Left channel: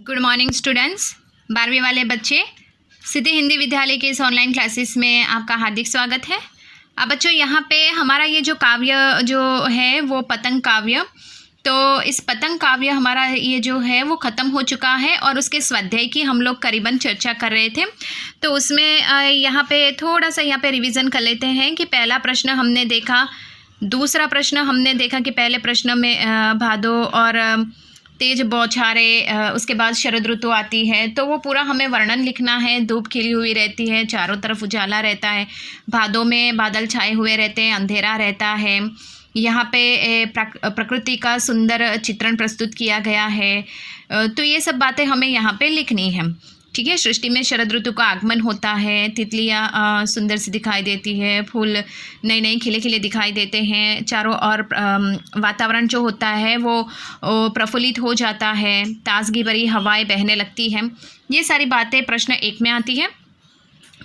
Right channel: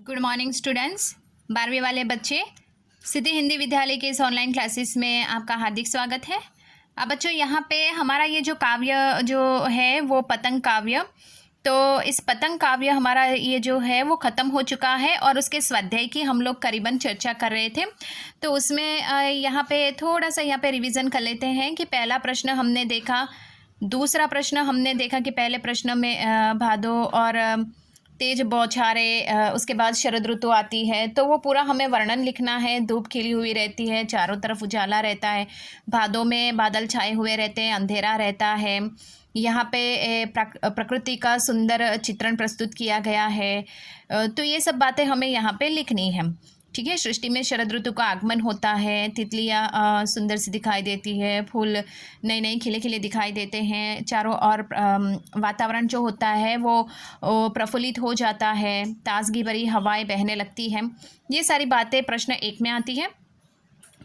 Good morning students. 12वीं वाले बच्चे, सिद्धि हिंदी विद्यालय के इस ऑनलाइन क्लासेस में आपका हार्दिक स्वागत है। अब बच्चों, यहाँ पे हमारा ये जो काव्य जो है वो पतंग काव्य, तो इस पतंग काव्य हमारा ये जो है वो ख़त्म हो चुका है और उसके स्वाध्याय की हम लोग करीबन चर्चा कर रहे थे। तो उसमें यहाँ पे थोड़ा सा यहाँ पे रिवीजन कर लेते हैं कि पहला प्रश्न हमने देखा, दूसरा प्रश्न हमने देखा कि पहले प्रश्न में भादो और तेज बौछारें, उसके बाद शरद ऋतु आती है, तो वो पूरा हमें वर्णन लिखना है। धूप खिली हुई रहती है, चारों तरफ उजाला रहता है, भादों में बादल छाए हुए रहते हैं, अंधेरा रहता है। यहाँ पे प्रकृति का सुंदर चित्रण प्रस्तुत किया गया है। तो ये सब बातें हमें यहाँ पे लिखनी है, ठीक है। सृष्टि में शरद ऋतु का आगमन होता है, तितलियाँ सुंदर सी दिखाई देती है, फूल नए नए खिले खिले दिखाई देते हैं, चारों ओर वातावरण जो होता है वो प्रफुल्लित हो जाता है, ताजगी भरी हवाएं बहने लगती हैं। ये सारी बातें प्रश्न 1 में आती है।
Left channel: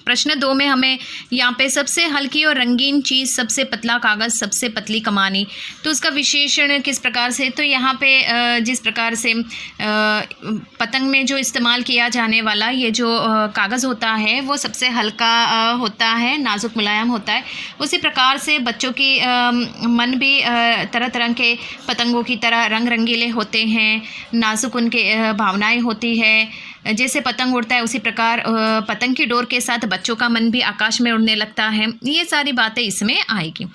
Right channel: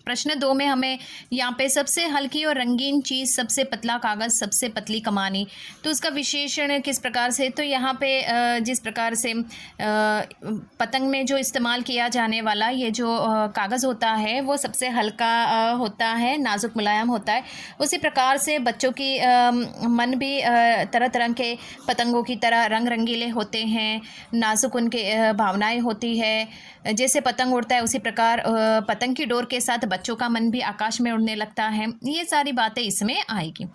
प्रश्न 2 में हमें यहाँ पे सबसे हल्की और रंगीन चीज़, सबसे पतला कागज़, सबसे पतली कमानी, तो उसका विशेषण किस प्रकार से। तो यहाँ पे जिस प्रकार से पतंग में जो इस्तेमाल किया जाने वाला ये जो कागज़ होता है वो सबसे हल्का होता है, नाजुक मुलायम होता है। उसी प्रकार से बच्चों की मन भी तरह तरह के पतंगों की तरह रंग रंगीले होते हैं, नाजुक उनके भावनाएं होती है। जैसे पतंग उड़ता है उसी प्रकार पतंग की डोर के साथ बच्चों का मन भी आकाश में उड़ने लगता है। ये सारी बातें इसमें आएगी।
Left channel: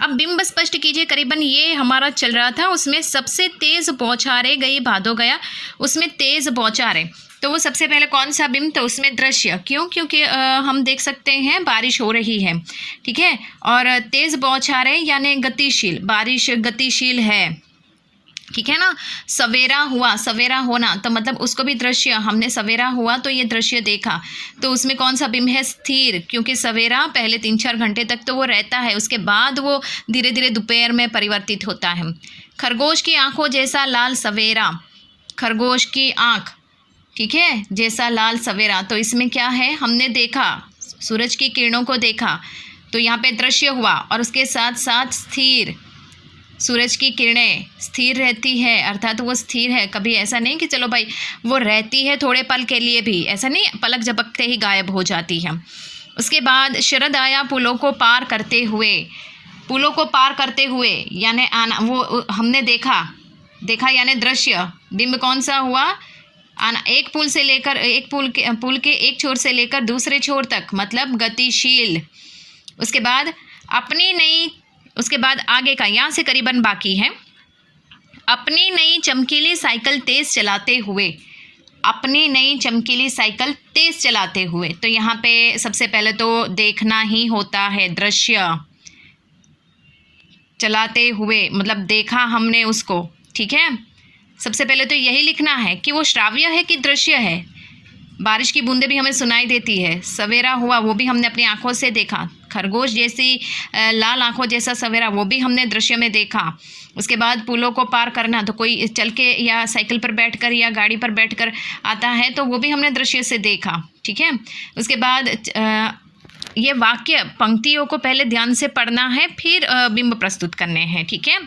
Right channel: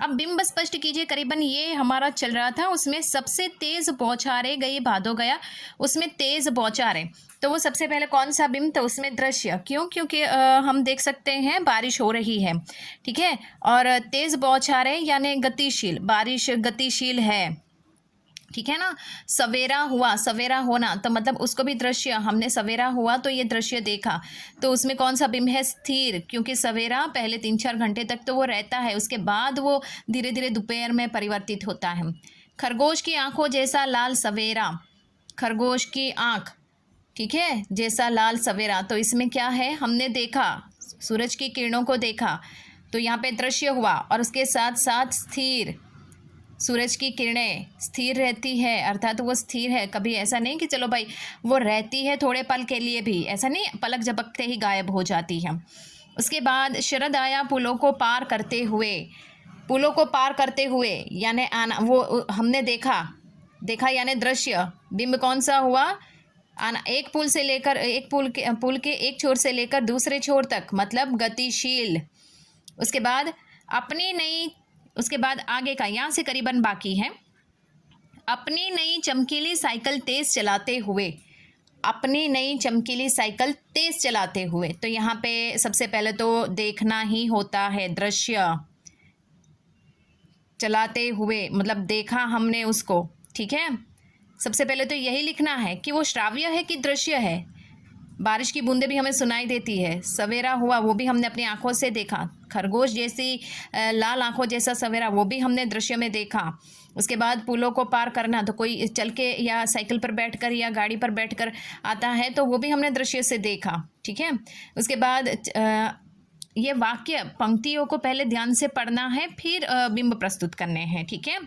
अब बिंब स्पष्ट कीजिए, करीबन ये हमारा चल रहा था। उसमें सबसे तेज़ बौछारें गई भादो गया, उसमें तेज़ बौछारें, तो वो सबसे पहले कौन सा बिंब, तो उसमें दृश्य। क्यों? क्योंकि हम देख सकते हैं बारिश हो रही है, ठीक है। और तेज़ बौछारें यानी गतिशील, बारिश गतिशील है, ठीक है ना। सवेरा हुआ, सवेरा होना, तो मतलब उसको भी दृश्य, हमने सवेरा हुआ तो ये दृश्य देखा, तो उसमें कौन सा बिंब है, स्थिर, क्योंकि सवेरा पहले 3-4 घंटे तक तो वो रहता है, उसके बाद वो धीरे धीरे दोपहर में परिवर्तित होता है। खरगोश की आंखों जैसा लाल सवेरा, खरगोश की आंख, ठीक है, जैसा लाल सवेरा, तो इसमें क्या है, हमने देखा, सूरज की किरणों को देखा, तो यहाँ पे दृश्य हुआ। और उसके साथ साथ स्थिर, सूरज की किरणें स्थिर रहती है, अर्थात वो स्थिर है, कभी ऐसा नहीं कि चलो भाई वो रहती है थोड़े पल के लिए भी, ऐसा नहीं, पलक झपकते ही गायब हो जाती है। उसके बाद शरद आया पुलों को पार करते हुए, पुलों को पार करते हुए यानी आना, वो हमने देखा यानी दृश्य। बिंब कौन सा हुआ, आना, एक पुल से लेकर एक पुल के एक छोर से लेकर दूसरे छोर तक, मतलब गतिशील। उसके बाद अपनी नई, उसके बाद आगे का यहाँ से करीबन बाकी है। अपनी नई चमकीली साइकिल तेज चलाते हुए, अपनी नई चमकीली साइकिल तेज चलाते हुए, तो यहाँ पे सबसे पहले तो देखना ही होता है, दृश्य, चलाते हुए मतलब देखा हमने उसको, ठीक है। सबसे पहले तो यही लिखना है कि वो श्राव्य है कि दृश्य है। बारिश की बूंदें भी हमें सुनाई देती है, सवेरा हुआ वो भी हमने अपनी आंखों से देखा, खरगोश जैसी लाल आंखों जैसा सवेरा वो भी हमने दृश्य में देखा। उसके बाद पुलों को पार करना, तो कोई चल के या साइकिल पर बैठकर या गाड़ी पर बैठकर आता है तो वो भी हमने दृश्य से देखा, ठीक है। उसके बाद ये वाक्य पंक्तियों को पहले ध्यान से पढ़ना है, फिर बिंब प्रस्तुत करने हैं, ठीक है।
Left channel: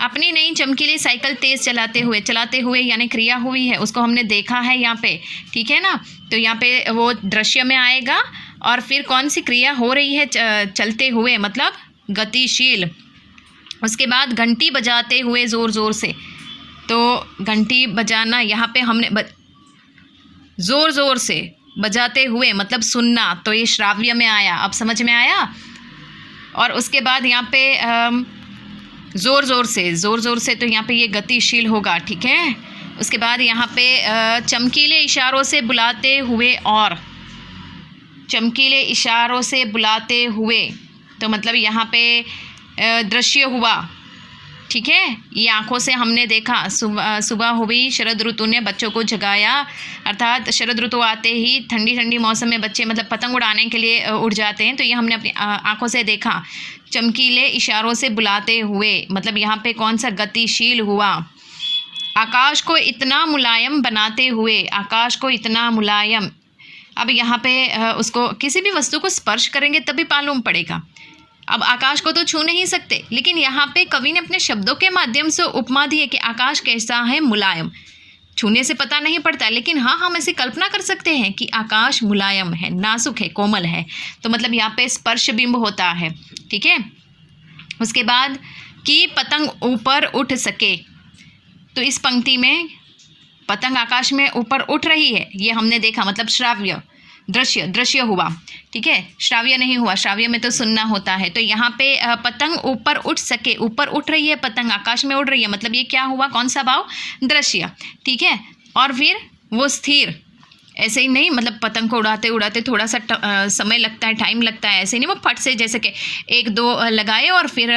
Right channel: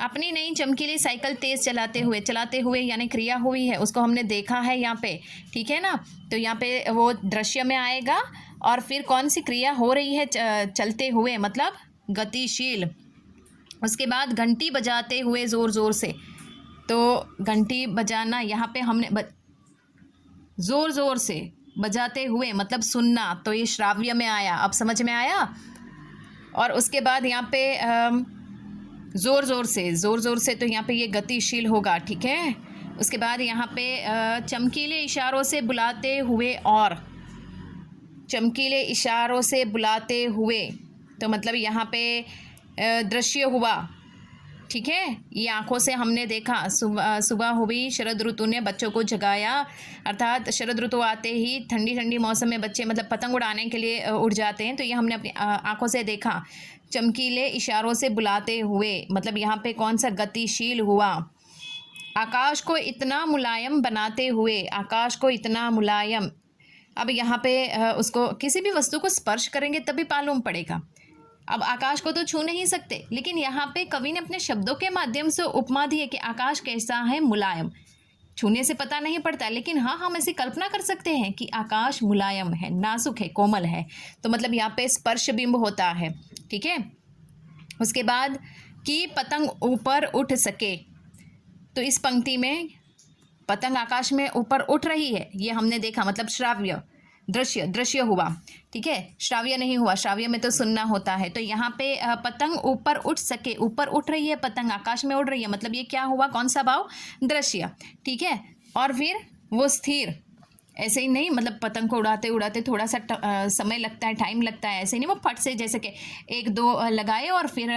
अपनी नई चमकीली साइकिल तेज चलाते हुए यानी क्रिया हुई है, उसको हमने देखा है यहाँ पे, ठीक है ना। तो यहाँ पे वो दृश्य में आएगा और फिर कौन सी क्रिया हो रही है, चलते हुए मतलब गतिशील। उसके बाद घंटी बजाते हुए ज़ोर ज़ोर से, तो घंटी बजाना यहाँ पे हमने ज़ोर ज़ोर से बजाते हुए मतलब सुनना, तो ये श्राव्य में आया, अब समझ में आया। और उसके बाद यहाँ पे ज़ोर ज़ोर से, तो यहाँ पे ये गतिशील होगा, ठीक है। उसके बाद यहाँ पे चमकीले इशारों से बुलाते हुए, और चमकीले इशारों से बुलाते हुए, तो मतलब यहाँ पे दृश्य हुआ, ठीक है। ये आंखों से हमने देखा, सुबह हुई, शरद ऋतु ने बच्चों को जगाया, अर्थात शरद ऋतु आते ही ठंडी ठंडी मौसम में बच्चे मतलब पतंग उड़ाने के लिए उड़ जाते हैं, तो ये हमने अपनी आंखों से देखा। चमकीले इशारों से बुलाते हुए मतलब यहाँ पे कौन सा, गतिशील हुआ। आकाश को इतना मुलायम बनाते हुए, आकाश को इतना मुलायम, अब यहाँ पे उसको किसी भी वस्तु को स्पर्श करेंगे तभी मालूम पड़ेगा। अब आकाश को तो छू नहीं सकते, लेकिन यहाँ पे कवि ने अपने शब्दों के माध्यम से उपमा दी है कि आकाश कैसा है, मुलायम। छूने से पता नहीं पड़ता, लेकिन हाँ हम ऐसे कल्पना कर सकते हैं कि आकाश मुलायम है, नाजुक है, कोमल है, तो मतलब यहाँ पे स्पर्श बिंब होता है। ठीक है, उसके बाद कि पतंग ऊपर उठ सके, तो इस पंक्ति में पतंग आकाश में ऊपर उठ रही है, ये हमने देखा, मतलब श्राव्य दृश्य हुआ। ठीक है, श्राव्य नहीं हुआ, श्राव्य में तो सुनना होता है। तो यहाँ पे पतंग ऊपर उठ सके, ऊपर उठ रही है, पतंग आकाश में उड़ रही है, मतलब ये क्या हुआ, कौन सा भाव, दृश्य। ठीक है, और फिर वो स्थिर, ऐसे ही नहीं, मतलब पतंग को उड़ाते उड़ाते थोड़ा सा समय लगता है, टाइम लगता है, ऐसे नहीं वो फट से जैसे कि एक दो लगाए और फिर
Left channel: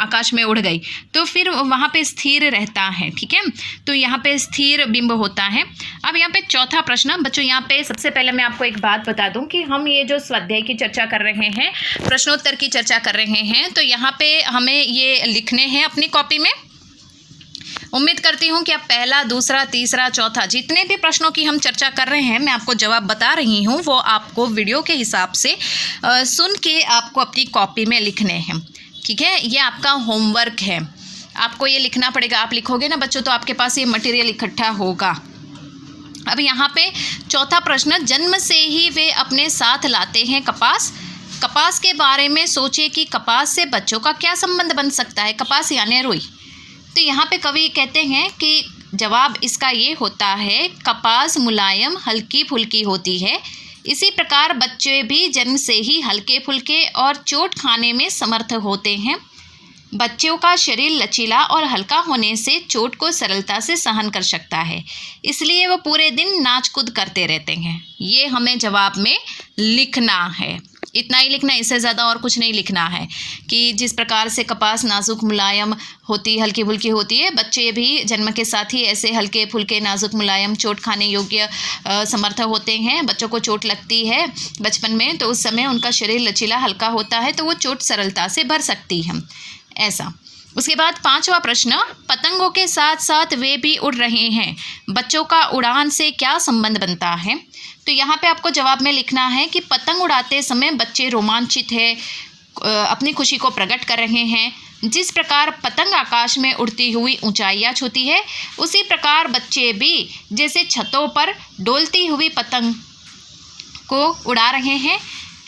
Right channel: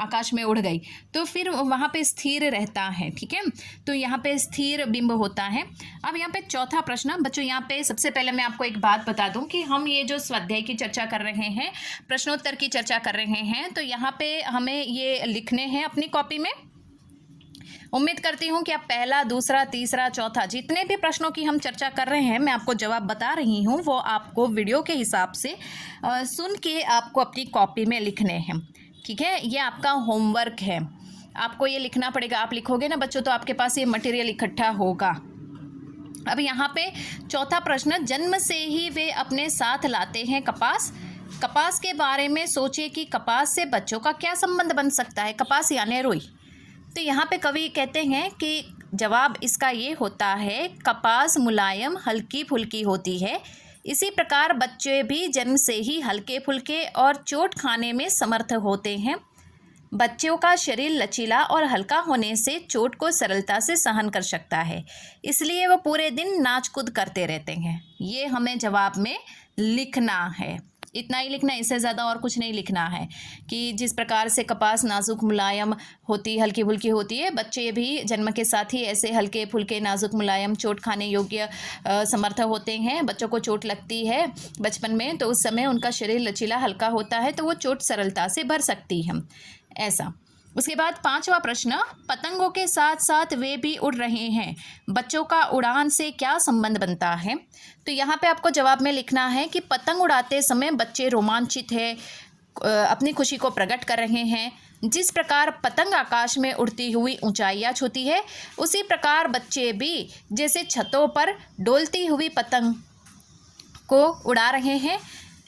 आकाश में उड़ गई, तो फिर वहाँ पे स्थिर रहता है। ठीक है, तो यहाँ पे स्थिर बिंब होता है। अब यहाँ पे चौथा प्रश्न बच्चों, यहाँ पे सबसे पहले मैं आपको एक बात बता दूं कि हम ये जो स्वाध्याय की चर्चा कर रहे हैं, प्रश्नोत्तर की चर्चा कर रहे हैं, तो यहाँ पे हमें ये लिखने हैं अपनी कॉपी में। उम्मीद करती हूँ कि आप पहला, दूसरा, तीसरा, चौथा जितने भी प्रश्नों की हम चर्चा कर रहे हैं, मैं आपको जवाब बता रही हूँ, वो आपको वीडियो के हिसाब से सुन के आपको अपनी कॉपी में लिखने हैं। ठीक है, ये आपका होमवर्क है, आपको ये लिखना पड़ेगा। आप लिखोगे ना बच्चों तो आपके पास ये मटेरियल इकट्ठा होगा। अब यहाँ पे चौथा प्रश्न, जन्म से ही वे अपने साथ लाते हैं कपास, कपास के बारे में सोचे कि कपास से बच्चों का क्या संबंध बन सकता है। कपास यानी रुई। तो यहाँ पे कवि कहते हैं कि जवाब इसका ये होता है, कपास मुलायम हल्की फुल्की होती है, इसी प्रकार बच्चे भी जन्म से ही हल्के फुल्के और चोट खाने में समर्थ होते हैं। बच्चों का शरीर लचीला और हल्का होने से चोट को सरलता से सहन कर सकता है, इसलिए वो पूरे दिन नाच कूद करते रहते हैं। ये हमें जवाब में लिखना है, इतना ही लिखना है, इससे ज़्यादा और कुछ नहीं लिखना है। कि जिस प्रकार से कपास नाजुक मुलायम होती, हल्की फुल्की होती है, बच्चे भी जन्म के साथ ही ऐसे हल्के फुल्के नाजुक मुलायम चोट खाने योग्य समर्थ होते हैं। बच्चों को चोट लगती है बचपन में, तो उस समय उनका शरीर लचीला हल्का होता है, तो वो चोट सरलता से भर सकती है, ऐसा। उसके बाद पांचवा प्रश्न, पतंगों के साथ साथ वे भी उड़ रहे हैं, बच्चों का उड़ान से क्या संबंध बनता है। तो यहाँ पे आपको जवाब में लिखना है कि पतंग उड़ाते समय बच्चे रोमांचित है, अपनी खुशी को प्रकट कर रहे हैं। जिस प्रकार पतंग आकाश में उड़ती हुई ऊंचाइयाँ छूती है, उसी प्रकार बच्चे भी जैसे छतों पर डोलती हुई पतंग को उड़ा रहे हैं।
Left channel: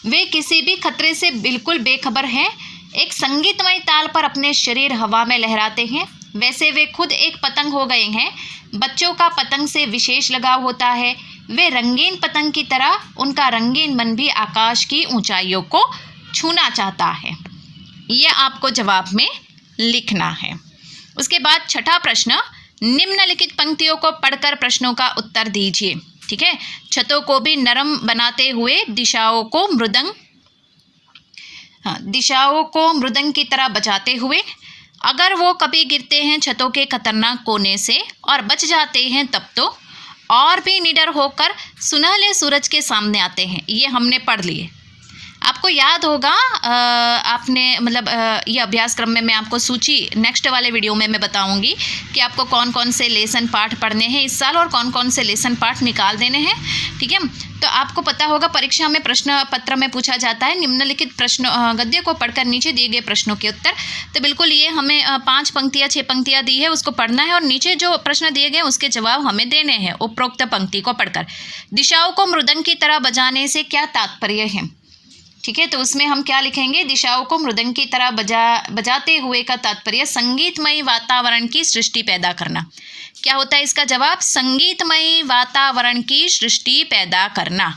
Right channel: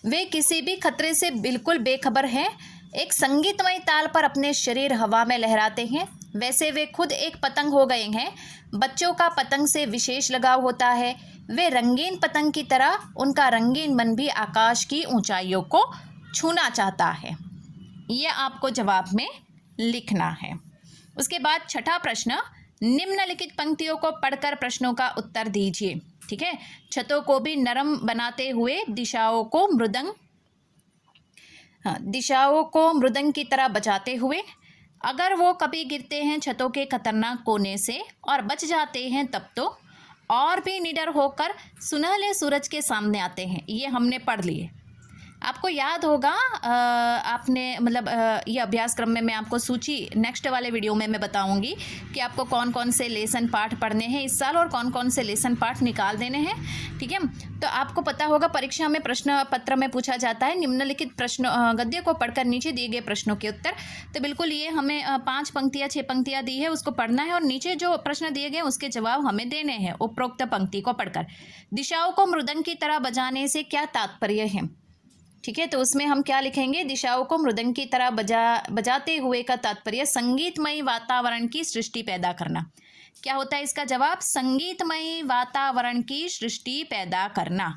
वे किसी भी खतरे से बिल्कुल बेखबर हैं, एक संगीतमय ताल पर अपने शरीर हवा में लहराते हैं, वैसे वे खुद एक पतंग हो गए हैं। बच्चों का पतंग से विशेष लगाव होता है, वे रंगीन पतंग की तरह उनका रंगीन मन भी आकाश की ऊंचाइयों को छूना चाहता है। ये आपको जवाब में लिखना है। उसके बाद छठा प्रश्न, निम्नलिखित पंक्तियों को पढ़कर प्रश्नों का उत्तर दीजिए। ठीक है, छतों को भी नरम बनाते हुए दिशाओं को मृदंग की तरह बजाते हुए, अगर वो कभी गिरते हैं छतों के खतरनाक कोने से और बच जाते हैं, तब तो और भी निडर होकर सुनहले सूरज के सामने आते हैं। ये हमने पढ़ लिए, आपको याद होगा। आपने मतलब ये अभ्यास क्रम में मैं आपको सूची नेक्स्ट वाले वीडियो में मैं बताऊंगी कि आपको कौन कौन से लेसन पाठ पढ़ने हैं इस साल और कौन कौन से लेसन पाठ निकाल देने हैं। ठीक है, तो आपको पता होगा परीक्षा में प्रश्न पत्र में पूछा जाता है निम्नलिखित प्रश्न गद्य को पढ़कर नीचे दिए गए प्रश्नों के उत्तर। तो बिल्कुल ये हमें 5 पंक्तियाँ 6 पंक्तियाँ दी है, उसको पढ़ना है और नीचे जो प्रश्न दिए गए उसके जवाब हमें देने हैं उपरोक्त पंक्ति को पढ़कर। दिशाओं को मृदंग की तरह बजाने से क्या तात्पर्य है। ठीक है, तो उसमें हम क्या लिखेंगे, दिशाओं को मृदंग की तरह बजाते हुए का तात्पर्य संगीतमयी वातावरण की सृष्टि पैदा करना। क्या होता है इसका जवाब, संगीतमयी वातावरण की सृष्टि पैदा करना।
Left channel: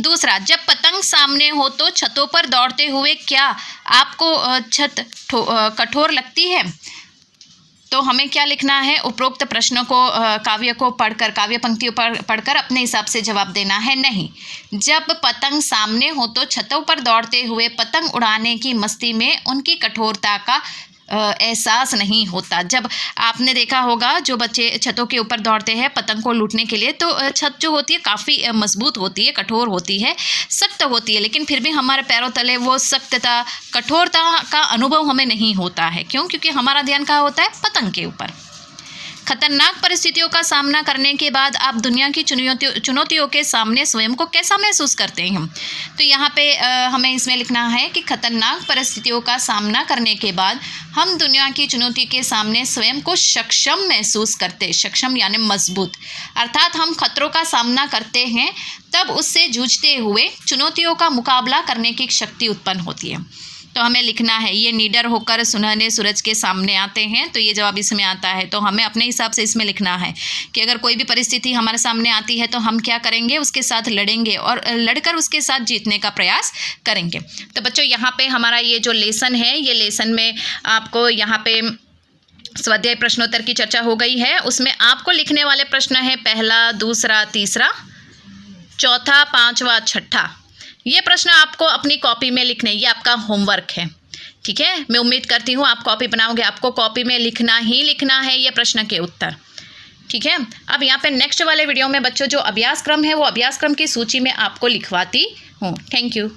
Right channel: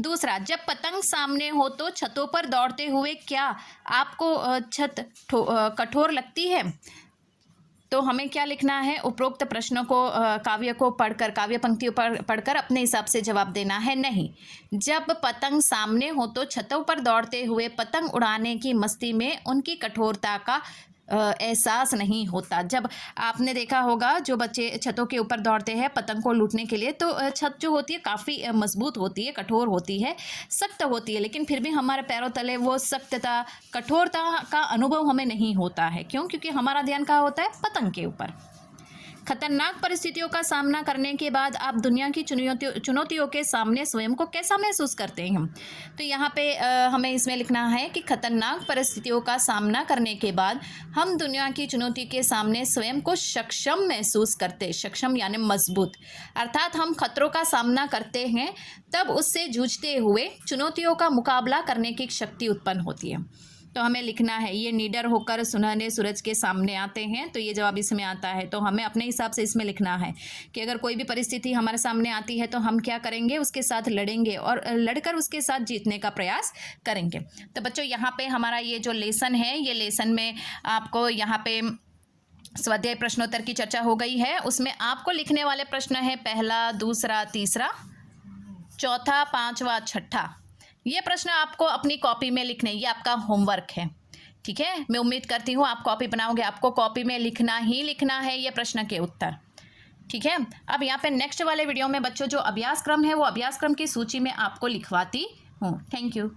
दूसरा, जब पतंग सामने हो तो छतों पर दौड़ते हुए क्या आपको छत कठोर लगती है। तो हमें क्या लिखना है, उपरोक्त प्रश्नों को काव्य को पढ़कर, काव्य पंक्तियों पर पढ़कर अपने हिसाब से जवाब देना है। नहीं, जब पतंग सामने हो तो छतों पर दौड़ते हुए पतंग उड़ाने की मस्ती में उनकी कठोरता का एहसास नहीं होता। जब आपने देखा होगा जो बच्चे छतों के ऊपर दौड़ते हैं पतंग को लूटने के लिए, तो छत जो होती है काफ़ी मजबूत होती है, कठोर होती है, सख्त होती है, लेकिन फिर भी हमारे पैरों तले वो सख्तता, कठोरता का अनुभव हमें नहीं होता है। क्यों? क्योंकि हमारा ध्यान कहाँ होता है, पतंग के ऊपर। खतरनाक परिस्थितियों का सामना करने के बाद आप दुनिया की चुनौतियों के सामने स्वयं को कैसा महसूस करते हैं? तो यहाँ पे हमें इसमें लिखना है कि खतरनाक परिस्थितियों का सामना करने के बाद हम दुनिया की चुनौती के सामने स्वयं को सक्षम महसूस करते हैं। सक्षम यानी मजबूत, अर्थात हम खतरों का सामना करते हैं तब उससे जूझते हुए चुनौतियों का मुकाबला करने की शक्ति उत्पन्न होती है। तो हमें लिखना है ये निडर होकर सुनहरे सूरज के सामने आते हैं, तो ये जवाब इसमें आता है। तो हमें अपने हिसाब से इसमें लिखना है कि अगर कोई भी परिस्थिति हमारे सामने आती है तो हम क्या करेंगे, उसके साथ लड़ेंगे और लड़कर उसके साथ जीतने का प्रयास करेंगे। तो बच्चों यहाँ पे हमारा ये जो लेसन है, ये लेसन में आपको यहाँ पे स्वाध्याय प्रश्नोत्तर की चर्चा हो गई है। उसमें आपको लिखने वाले प्रश्न है पहला, दूसरा, तीसरा, चौथा, पाँचवा, छठा। ये प्रश्न आपको अपनी कॉपी में लिखने, ये आपका होमवर्क है, ठीक है। मैं उम्मीद करती हूँ आप कॉपी बनाओगे, आपको कॉपी में लिखना ही लिखना है ये प्रश्न के उत्तर, ठीक है। अब यहाँ पे नेक्स्ट वाले वीडियो में बच्चों जो अभ्यास क्रम है वो अभ्यास क्रम की सूची में आपको लिखवाती हूँ। Thank you.